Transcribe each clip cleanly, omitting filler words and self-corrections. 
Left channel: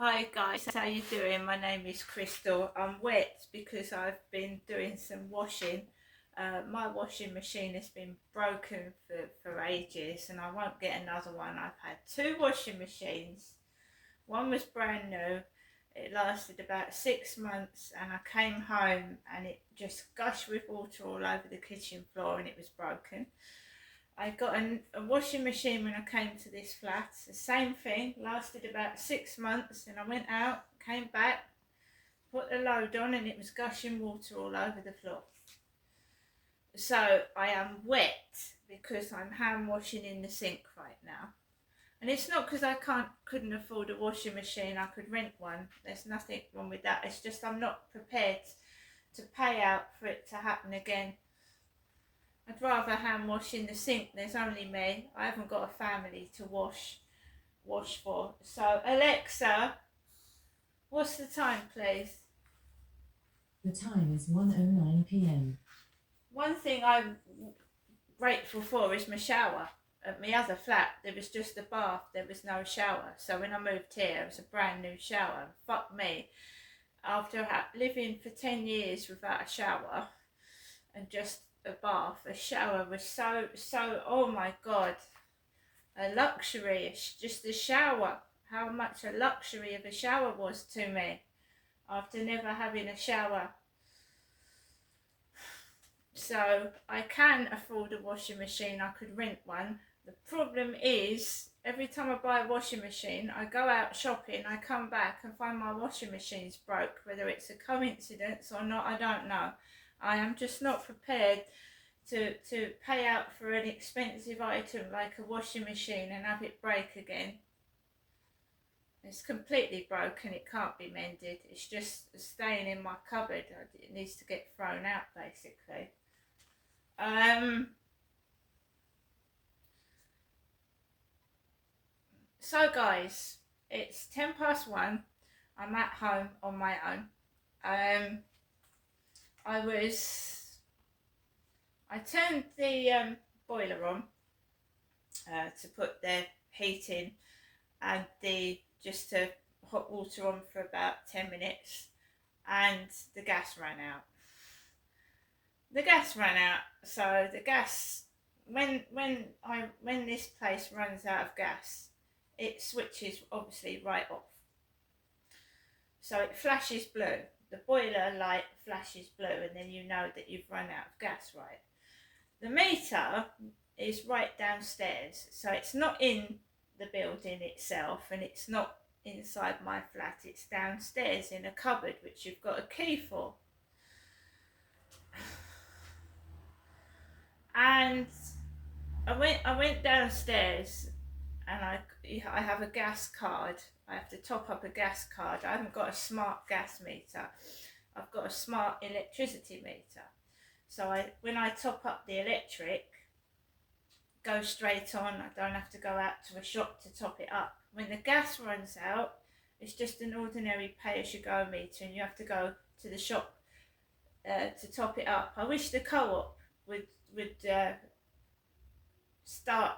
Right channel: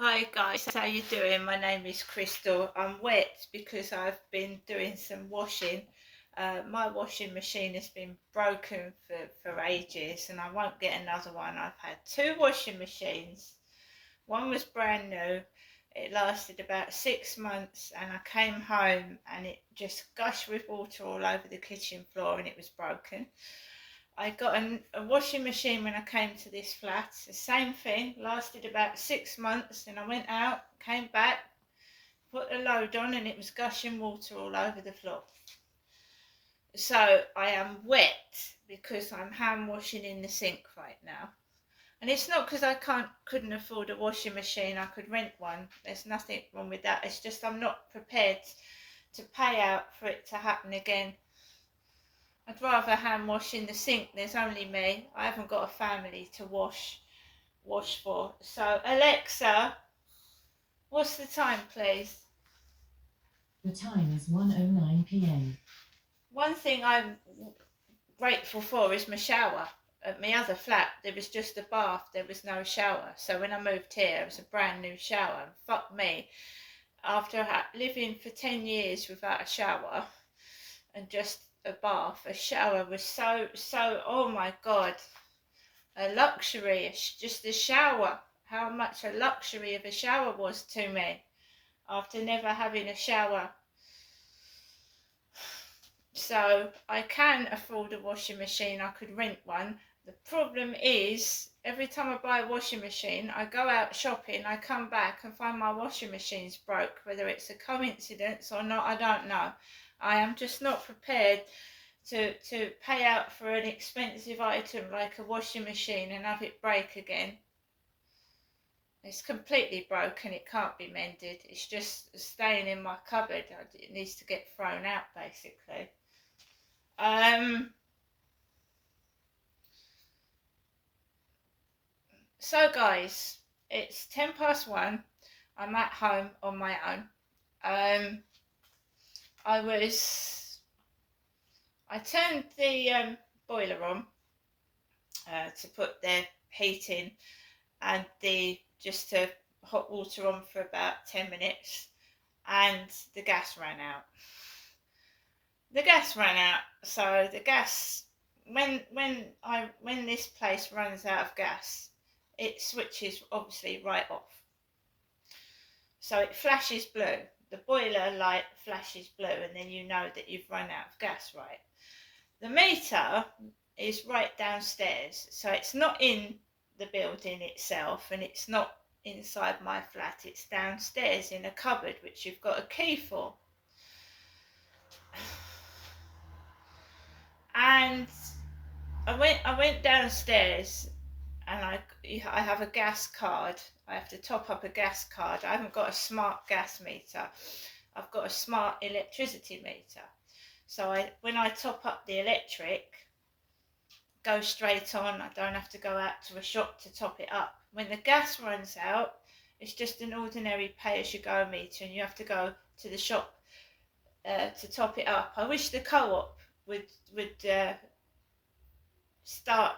Hi guys, how you doing? My name is Crystal. I'm wet because I've been doing some washing. My washing machine has been broken for ages and I won't get another one. I've had two washing machines. One was brand new. It lasted about 6 months and I came home and it just gushed with water all over the kitchen floor and it was broken. I got a washing machine when I came to this flat. The same thing, lasted about 6 months. Then I went out, came back, put the load on, and it was gushing water all over the floor. So I am wet because I'm hand washing in the sink right now. And it's not because I couldn't afford a washing machine. I could rent one. There's nothing wrong with that. It's just I'm not prepared to pay out for it to happen again. I'd rather hand wash in the sink. There's only me. I haven't got a family to wash for. So Alexa, what's the time, please? The time is 1:09 p.m. One thing I'm grateful for is my shower. At my other flat, there was just a bath. There was no shower. So when I moved here, it was a brand new shower. Fuck me. After living for 10 years without a shower and just a bath, a shower was so, oh my God, a luxury. It's just a shower. How much a luxury of a shower was to me after never having a shower. So I can afford a washing machine. I could rent one. The problem is every time I buy a washing machine, I go out shopping, I come back and find my washing machine's broke. Whether it's a coincidence or not, I don't know. I am just not prepared to pay out for an expensive item like a washing machine and have it break again. It's completely broken. It can't be mended. It's just staying in my cupboard. It needs to get thrown out, basically. So guys, it's 1:10. I'm at home on my own. I turned the boiler on to put the heat in and the just to hot water on for about 10 minutes and the gas ran out. So the gas, when this place runs out of gas, it switches obviously right off. So it flashes blue. The boiler light flashes blue, and then you know that you've run out of gas, right? The meter is right downstairs, so it's not in the building itself, and it's not inside my flat. It's downstairs in a cupboard, which you've got a key for. And I went downstairs and I have a gas card. I have to top up a gas card. I haven't got a smart gas meter. I've got a smart electricity meter. So when I top up the electric, go straight on. I don't have to go out to a shop to top it up. When the gas runs out, it's just an ordinary pay-as-you-go meter, and you have to go to the shop to top it up. I wish the co-op would start,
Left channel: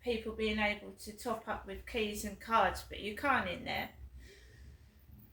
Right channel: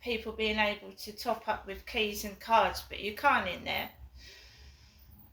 people being able to top up with keys and cards, but you can't in there.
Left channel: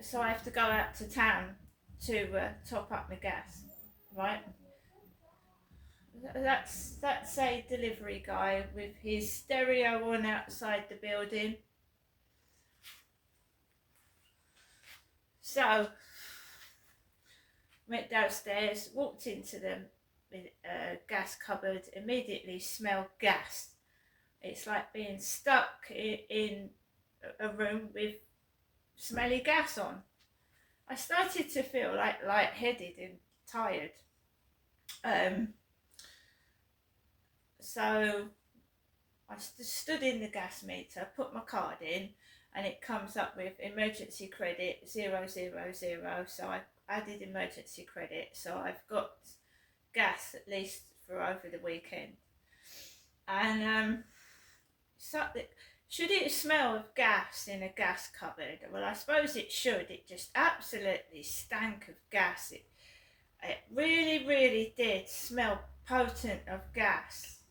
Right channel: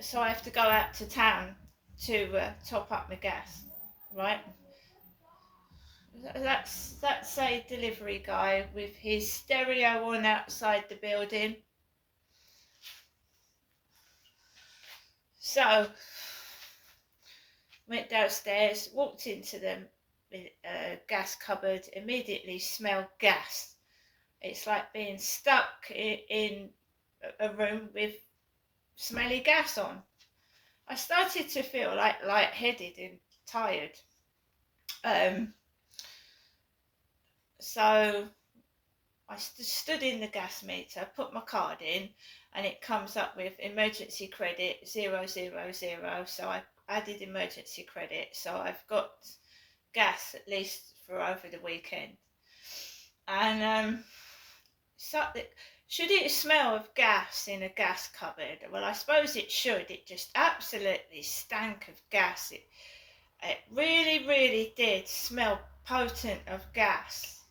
So I have to go out to town to top up my gas, right? That's a delivery guy with his stereo on outside the building. So went downstairs, walked into the gas cupboard, immediately smelled gas. It's like being stuck in a room with smelly gas on. I started to feel like lightheaded and tired. So I stood in the gas meter, put my card in, and it comes up with emergency credit 000. So I added emergency credit. So I've got gas at least for over the weekend. And should it smell of gas in a gas cupboard? Well, I suppose it should. It just absolutely stank of gas. It really, really did smell potent of gas.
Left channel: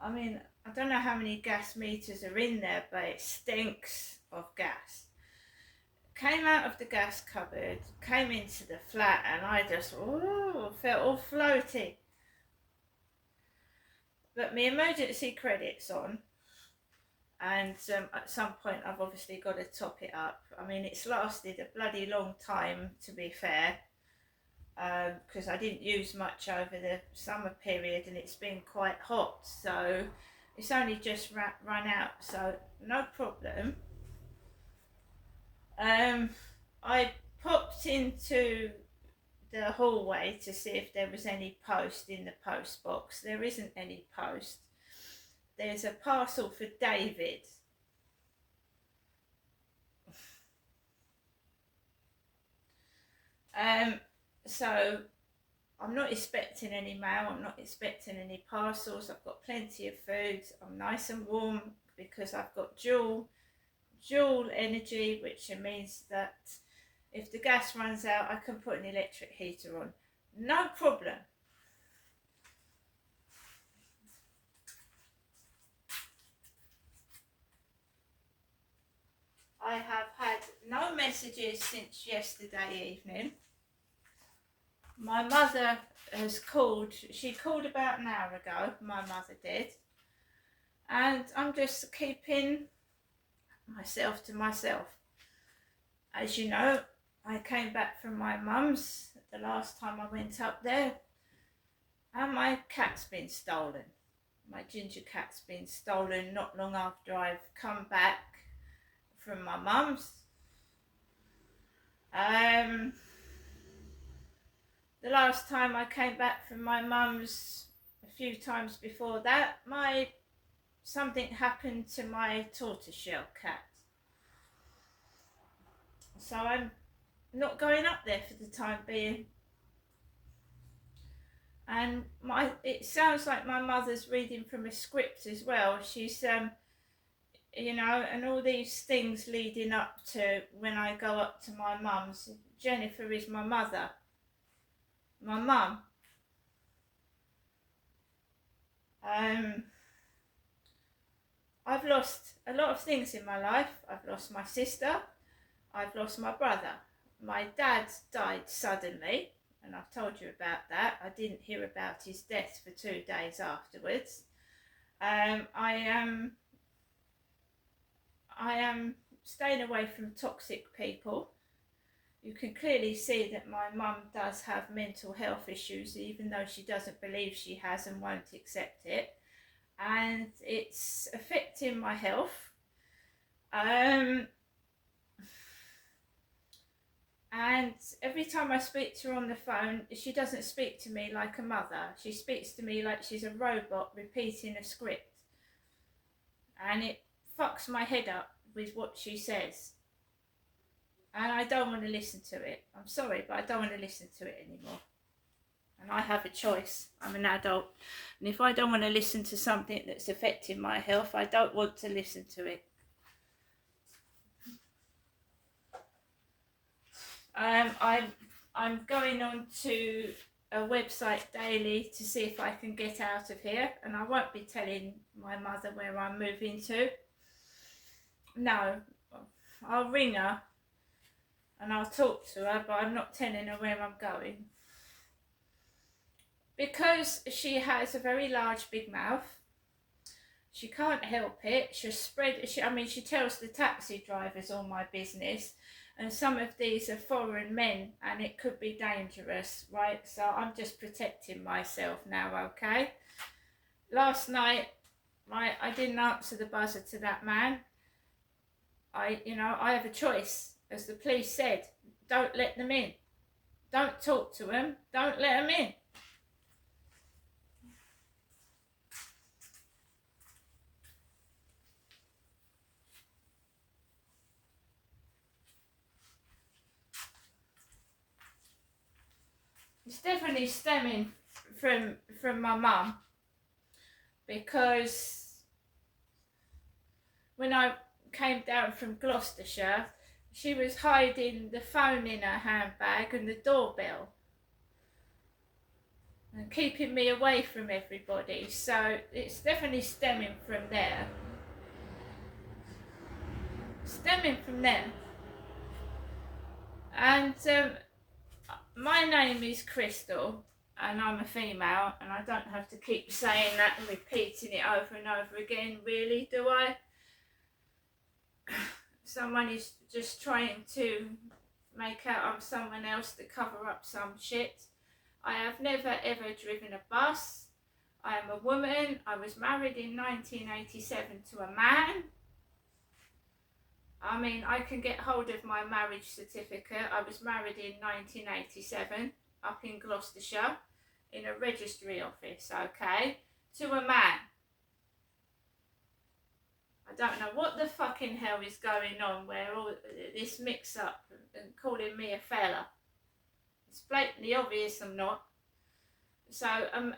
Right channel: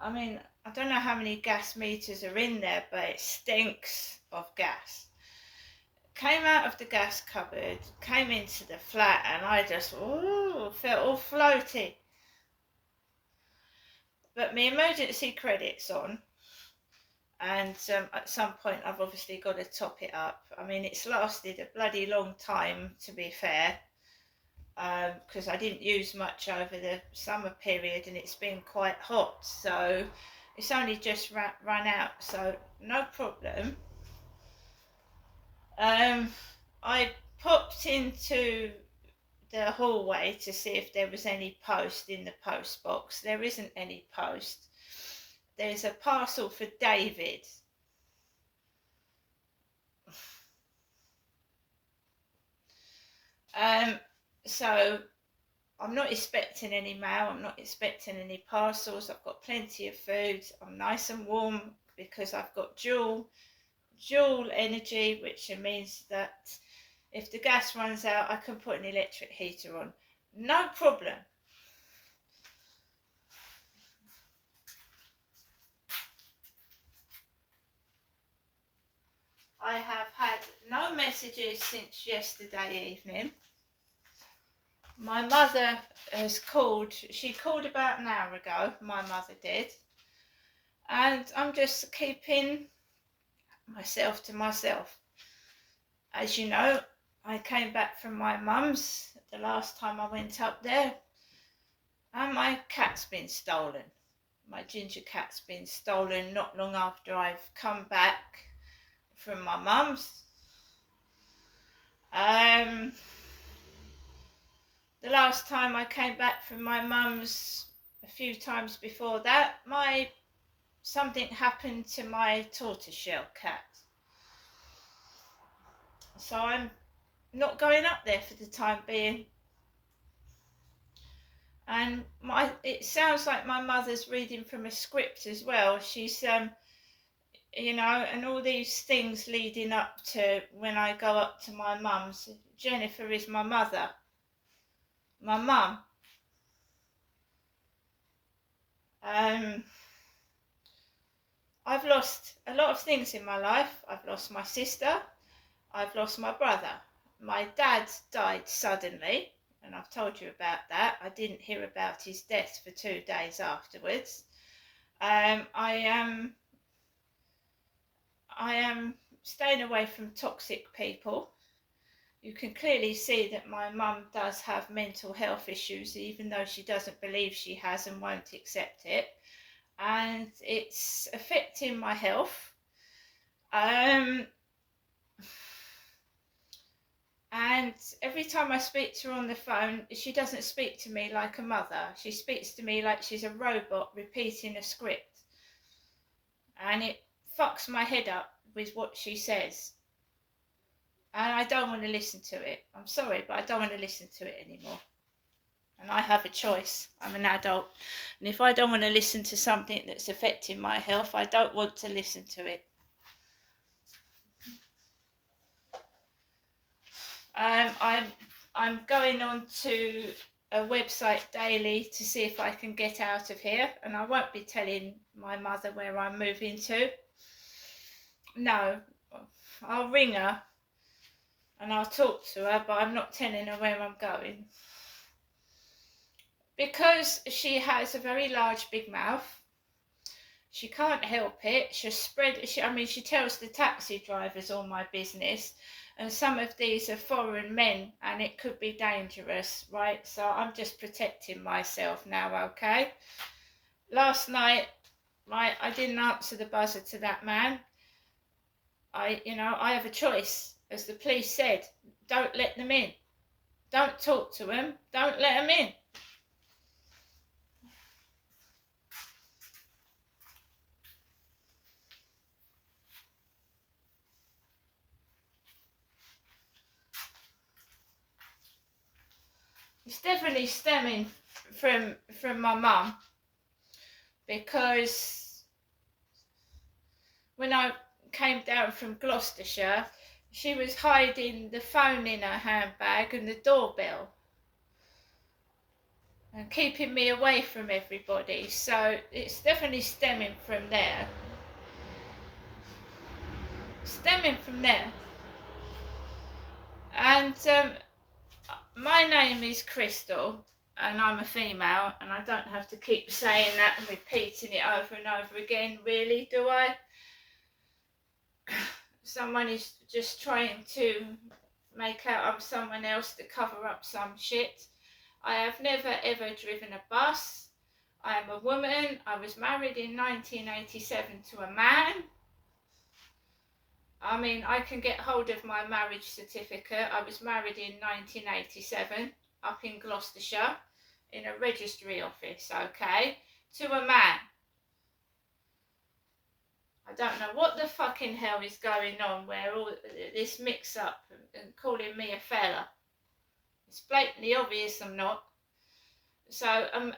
I mean, I don't know how many gas meters are in there, but it stinks of gas. came out of the gas cupboard, came into the flat, and I just felt all floaty. But my emergency credit's on, and at some point I've obviously got to top it up. I mean, it's lasted a bloody long time, to be fair, because I didn't use much over the summer period and it's been quite hot, so it's only just run out, so no problem. I popped into the hallway to see if there was any post in the post box. There isn't any post. There's a parcel for David. So I'm not expecting any mail, I'm not expecting any parcels. I've got plenty of food, I'm nice and warm because I've got dual energy, which means that if the gas runs out I can put an electric heater on, no problem. I have had no messages since yesterday evening. My mother has called, she called about an hour ago, my mother did, and I'm just keeping myself to myself. As you know, I came back from my mum's the last time I went up there, and my cat's been stolen. My ginger cat's been stolen not long after I've come back from my mum's. The last time I came back from my mum's, a few times before that, something happened to my tortoiseshell cat. So I'm not going up there for the time being. And it sounds like my mother's reading from a script as well. She's you know, and all these things leading up to when I go up to my mum's. Jennifer is my mother. My mum. I've lost a lot of things in my life. I've lost my sister. I've lost my brother. My dad died suddenly, and I've told you about that. I didn't hear about his death for 2 days afterwards. I am staying away from toxic people. You can clearly see that my mum does have mental health issues, even though she doesn't believe she has and won't accept it. And it's affecting my health. And every time I speak to her on the phone, she doesn't speak to me like a mother. She speaks to me like she's a robot repeating a script. And it fucks my head up with what she says. And I don't want to listen to it. I'm sorry, but I don't want to listen to it anymore. And I have a choice. I'm an adult. And if I don't want to listen to something that's affecting my health, I don't want to listen to it. I'm going on to a website daily to see if I can get out of here. And I won't be telling my mother where I'm moving to. No, I'll ring her and I'll talk to her, but I'm not telling her where I'm going. Because she has a very large big mouth, she can't help it. She tells the taxi drivers all my business, and some of these are foreign men and it could be dangerous, right? So I'm just protecting myself now, okay? Last night, I didn't answer the buzzer to that man. I have a choice. As the police said, don't let them in. Don't talk to them. Don't let them in. It's definitely stemming from my mum, because when I came down from Gloucestershire, she was hiding the phone in her handbag and the doorbell and keeping me away from everybody. So it's definitely stemming from there. Stemming from there. And my name is Crystal, and I'm a female, and I don't have to keep saying that and repeating it over and over again, really, do I? Someone is just trying to make out I'm someone else to cover up some shit. I have never ever driven a bus. I am a woman. I was married in 1987 to a man. I mean, I can get hold of my marriage certificate. I was married in 1987 up in Gloucestershire in a registry office, okay, to a man. I don't know what the fucking hell is going on where all this mix up and calling me a fella. It's blatantly obvious I'm not. So,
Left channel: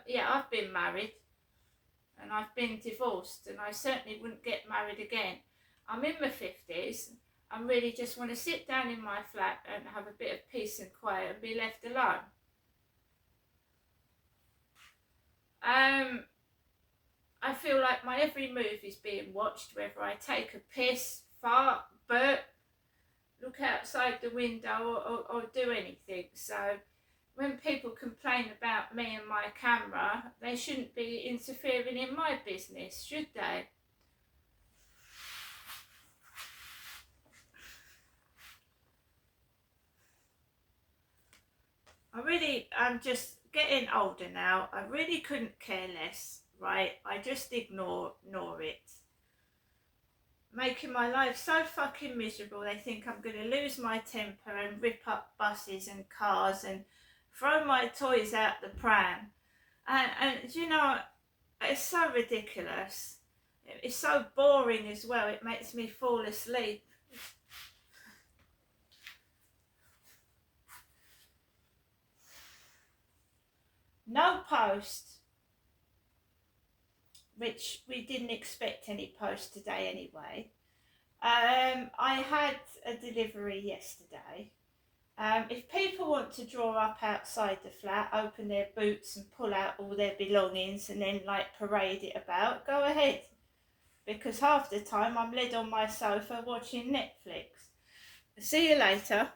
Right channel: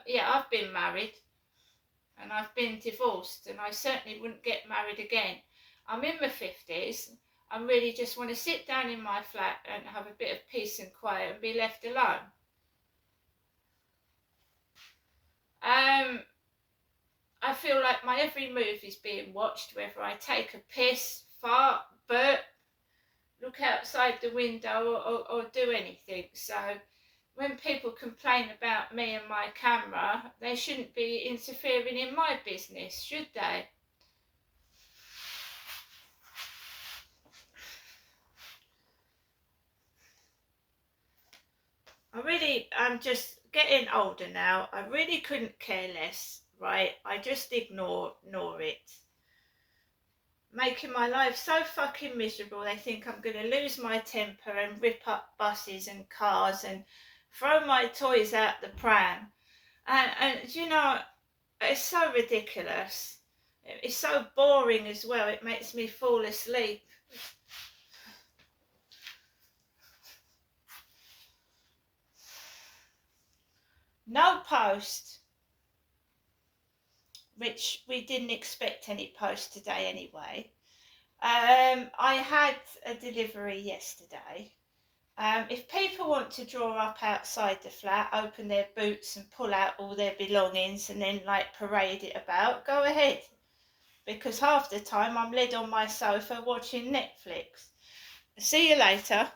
yeah, I've been married and I've been divorced, and I certainly wouldn't get married again. I'm in my 50s. I really just want to sit down in my flat and have a bit of peace and quiet and be left alone. I feel like my every move is being watched, whether I take a piss, fart, burp, look outside the window or do anything. So when people complain about me and my camera, they shouldn't be interfering in my business, should they? I'm just getting older now. I really couldn't care less, right? I just ignore it. Making my life so fucking miserable. They think I'm going to lose my temper and rip up buses and cars and throw my toys out the pram. And you know, it's so ridiculous. It's so boring as well. It makes me fall asleep. No post, which we didn't expect any post today anyway. I had a delivery yesterday. If people want to draw up outside the flat, open their boots and pull out all their belongings and then like parade it about, go ahead. Because half the time I'm led on my sofa watching Netflix. See you later.